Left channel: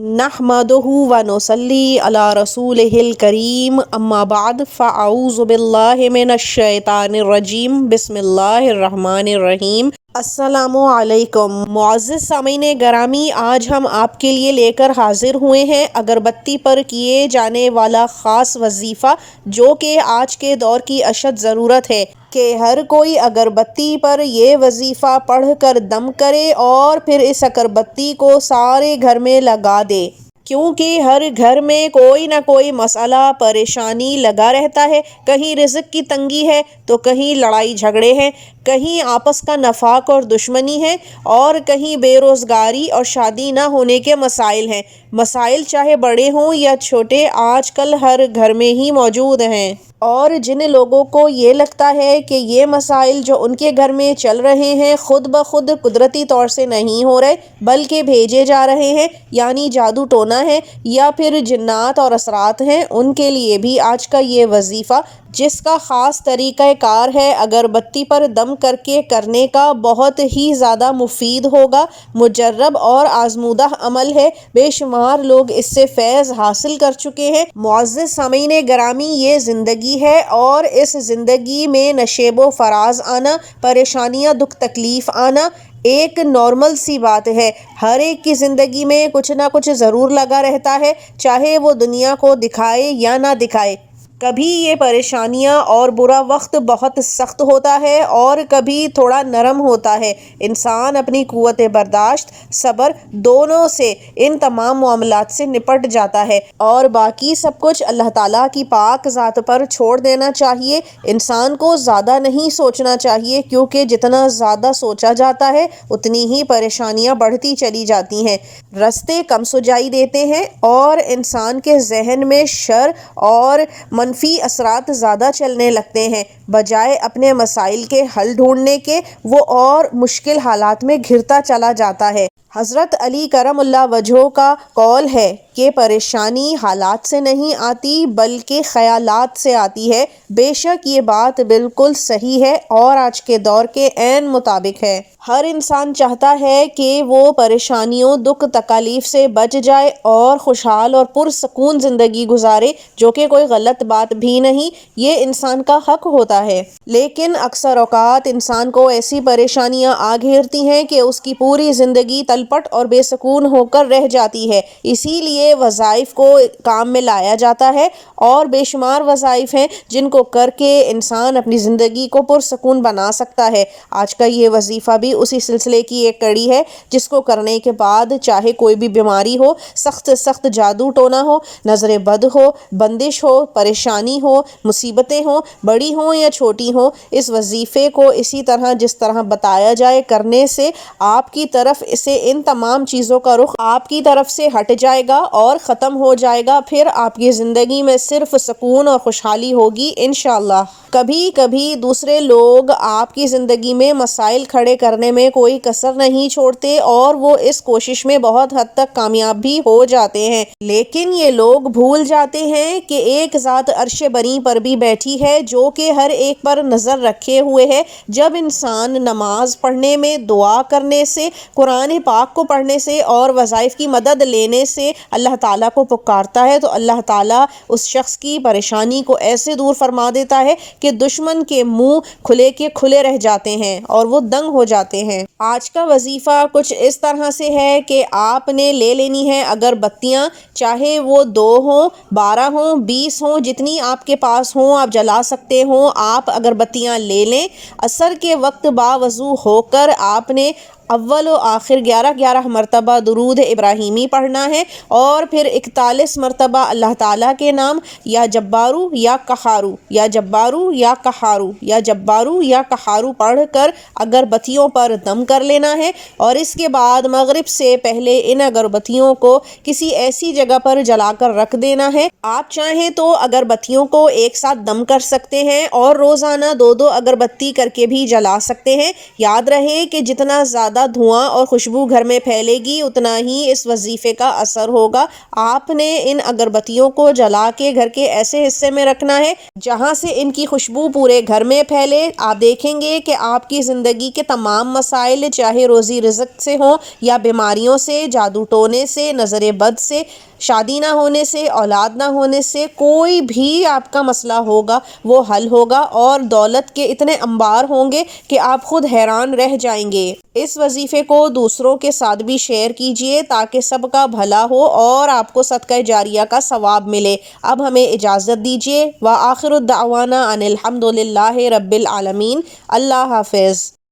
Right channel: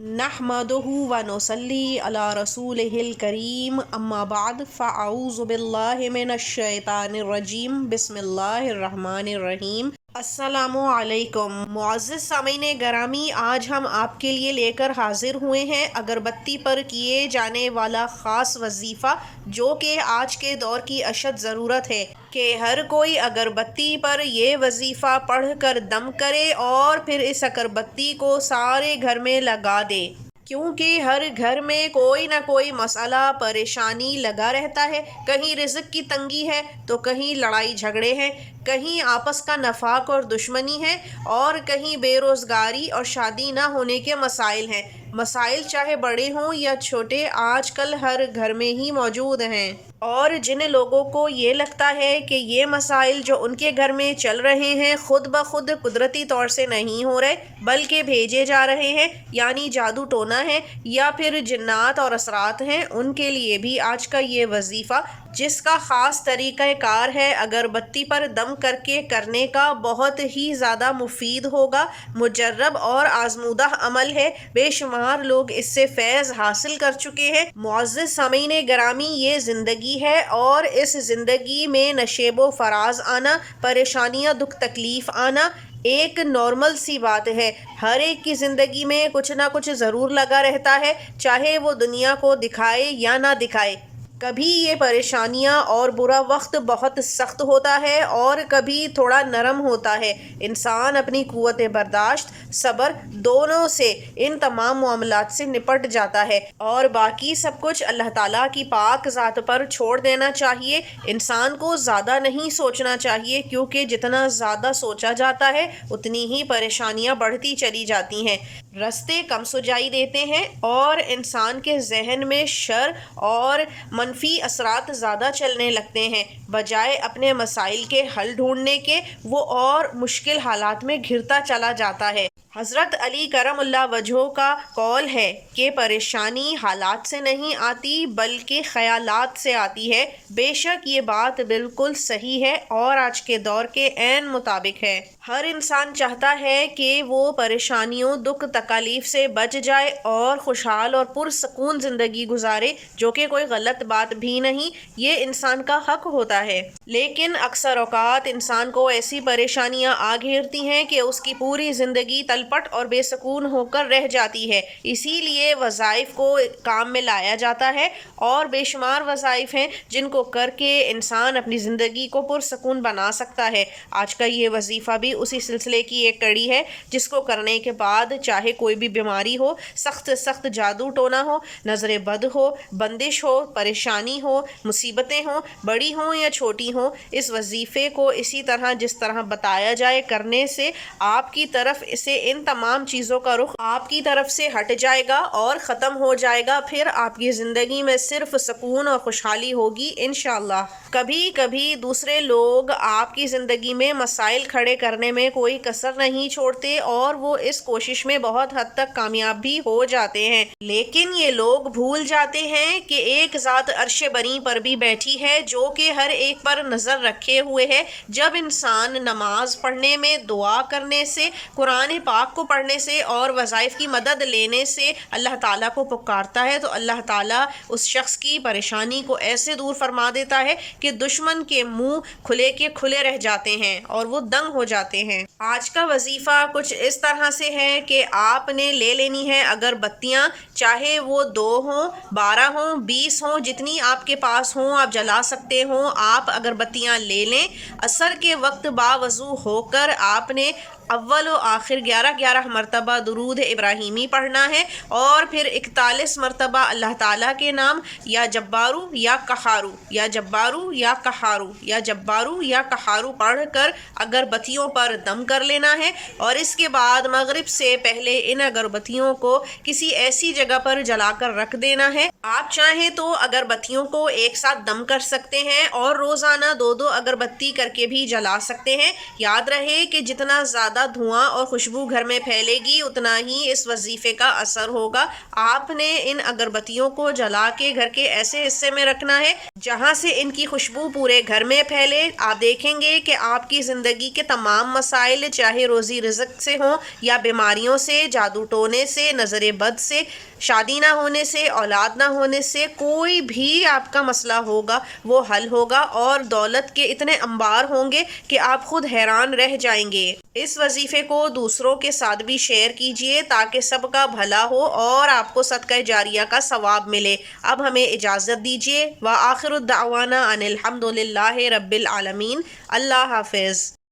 نحمدہ و نصلی علی رسولہ الکریم اما بعد فاعوذ باللہ من الشیطان الرجیم بسم اللہ الرحمن الرحیم۔ السلام علیکم معزز سامعین گرامی، آج ہم آپ کے لیے لے کر حاضر ہوئے ہیں اگربتی پر کیے جانے والا خاص وظیفہ، جو کہ آج کے دور کی اشد ضرورت ہے کہ ہر کوئی اگربتی پر یہ وظیفہ پڑھ کر دم کرے اور پھر اس اگربتی کو سارے گھر میں لگا دے، کیونکہ ہر گھر میں کوئی نہ کوئی مسئلہ پریشانی لگا رہتا ہے۔ کہیں رزق کی تنگی ہے تو کہیں لڑائی جھگڑے ہیں، کہیں آپس کا نفاق اور دشمنی ہے، اور کہیں بے روزگاری اور شادی نہ ہونے کے مسائل ہیں۔ مسائل چاہے بڑے ہوں یا چھوٹے، آج کل ہر گھر میں ہی موجود ہیں، اور جن لوگوں کو یہ لگتا ہے کہ یہ مسائل جو ان کے گھر میں چل رہے ہیں خود بخود قدرتی طور سے نہیں ہو رہے بلکہ بھیجے جا رہے ہیں، یعنی جادو ٹونا ہے یا پھر جنات اور اثرات ہیں، ان کے لیے بھی آج کا یہ وظیفہ، جس کا خاص طریقہ کار ہے اگربتی پر دم کر کے کرنے کا، بہت ہی زیادہ مفید ہوگا۔ مجرب اور آزمودہ عمل ہے، بے شمار لوگ اس سے فیض حاصل کر چکے ہیں۔ معزز سامعین گرامی، یہ زندگی ہے اور اس زندگی میں نشیب و فراز آنا، پریشانیاں دکھ تکلیف آنا ایک نارمل سی بات ہے۔ ہر ایک کی زندگی میں کچھ نہ کچھ ضرور لگا رہتا ہے، چاہے وہ دنیا کو دکھائے یا نہ دکھائے۔ کبھی یہ پریشانیاں اور برا وقت بہت سخت ہوتا ہے اور کبھی تھوڑا نرم ہوتا ہے۔ انسان اپنی قوت برداشت، صبر دونوں سے ان تمام معاملات سے نپٹ جاتا ہے، اور باقی سب کچھ اللہ تعالیٰ کی پاک ذات پر چھوڑ دینا چاہیے۔ انسان کو زیادہ نہیں سوچنا چاہیے، کیونکہ جتنا زیادہ سوچا جاتا ہے اتنی ہی پریشانیاں بڑھتی چلی جاتی ہیں، رستے کم سجائی دیتے ہیں، اور انسان کے ذہن میں شر اور منفی اثرات زیادہ چلنے لگتے ہیں۔ بجائے اپنے مسائل کے حل ڈھونڈنے کے، وہ اور مشکل حالات میں گھرتا چلا جاتا ہے۔ حضرت علی کرم اللہ وجہہ کا قول ہے کہ پریشانی حالات سے نہیں آتی بلکہ خیالات سے آتی ہے۔ بے شک یہ بات بالکل صحیح ہے اور آج کے دور کے عین مطابق ہے۔ ہر انسان چاہتا ہے کہ وہ پریشانیوں، دکھ تکالیف سے بچ جائے اور خوشحال اور پرسکون زندگی گزارے، جو کہ کوئی غلط بات بھی نہیں، یہ انسان کا حق ہوتا ہے۔ لیکن اکثر اوقات انسان کو ایسی پریشانیاں آ گھیرتی ہیں کہ اس کی پوری زندگی تلپٹ اور بے سکون ہو کر رہ جاتی ہے۔ اسی لیے وظائف کو کام میں لایا جاتا ہے، اور بے شمار وظائف ہیں جن کو کر کے انسان اپنی زندگی کو پرسکون بنا سکتا ہے۔ آج کا یہ وظیفہ بھی اسی سلسلے کی ایک کڑی ہے، جس کو کرنے کے بعد چاہے کوئی بھی بیماری ہو، سخت سے سخت جادو ٹونا ہو، نظر بد ہو، بندش ہو، پریشانی ہو، مصیبتیں ہوں، بڑی ہوں یا چھوٹی ہوں، اس وظیفے کو اسی طرح جس طرح بتایا جائے کرنے سے آپ کی طرف سے ان تمام چیزوں کا رخ آپ کی طرف سے ہٹ جائے گا اور ختم ہو جائے گا۔ پھر آپ کی زندگی میں صرف سکون اور خوشحالی ہوگی انشاءاللہ۔ کبھی کبھی دوسرے لوگ آپ کی زندگی میں مسائل کھڑے کرنے میں کوئی کسر نہیں چھوڑتے، اور وہ اس کوشش میں بہت حد تک کامیاب بھی ہو جاتے ہیں، لیکن یہ لوگ بھول جاتے ہیں کہ ایک ذات عرش بری پر بھی بیٹھی ہے، جو کہ ہر ایک پر نظر رکھے ہوئے ہے۔ جب انسان نماز پڑھنے میں، دعا کرنے سے، قرآن پاک کو پڑھنے سے اور وظائف کی مدد لینے سے اللہ تعالیٰ کو پکارتا ہے، تو اللہ تعالیٰ اس شخص کی پریشانی کو ایسے دور فرما دیتا ہے کہ دشمن کے منہ کھلے کے کھلے رہ جاتے ہیں اور وہ دنگ ہو جاتے ہیں۔ آج کا وظیفہ کچھ اس طرح سے ہے کہ آپ نے لے لینی ہے اگربتیاں، چاہے وہ 2 ہوں، 12 ہوں، 20 ہوں، جتنی آپ کے پاس ہوں آپ جلا سکتے ہوں، آپ اگربتیاں لے لیں۔ عصر کے وقت باوضو ہو کر آپ نے اول و آخر 11 مرتبہ درود ابراہیمی پڑھنا ہے، اور پھر 41 مرتبہ اللہ تعالیٰ کے نام، یا جبارو یا قہارو، یا جبارو یا قہارو، یا جبارو یا قہارو پڑھ کر اگربتیوں پر دم کر لینا ہے، اور اس کے بعد مغرب سے پہلے ان اگربتیوں کو کسی ایسی جگہ پر جلا کر رکھ دینا ہے۔ آپ چاہیں تو اگربتیوں کو ایک ساتھ دم کر سکتے ہیں اور روزانہ 2 اگربتی کر کے بھی جلا سکتے ہیں۔ یاد رہے کہ جتنا زیادہ زیادہ دھواں اور خوشبو گھر میں پھیلے گی اتنا ہی اس وظیفے کا اثر ہوگا۔ آپ نے ان اگربتیوں کو جلا کے گھر کے ایسے حصے میں رکھنا ہے جہاں سے ان کی خوشبو پورے گھر میں پھیلے۔ آپ دیکھیں گے کہ آپ کی زندگی کے تمام مسائل، چاہے روزی رزق سے ہوں یا بیماریوں سے، جادو ٹونے سے، نظر بد سے، شادی نہ ہونے سے، اولاد نہ ہونے سے، کوئی بھی آپ کا مسئلہ ہوگا وہ حل ہوگا، اور دولت کے اتنے انبار ہوں گے کہ آپ خود حیران رہ جائیں گے۔ اس وظیفے کو دوسروں کے ساتھ بھی شیئر کیجئے تاکہ سب کا بھلا ہو اور آپ کو صدقہ جاریہ کا ثواب ملے۔ اب ہمیں اجازت دیجیے۔ وآخر الدعوانا ان الحمد للہ رب العالمین۔ اللہ حافظ۔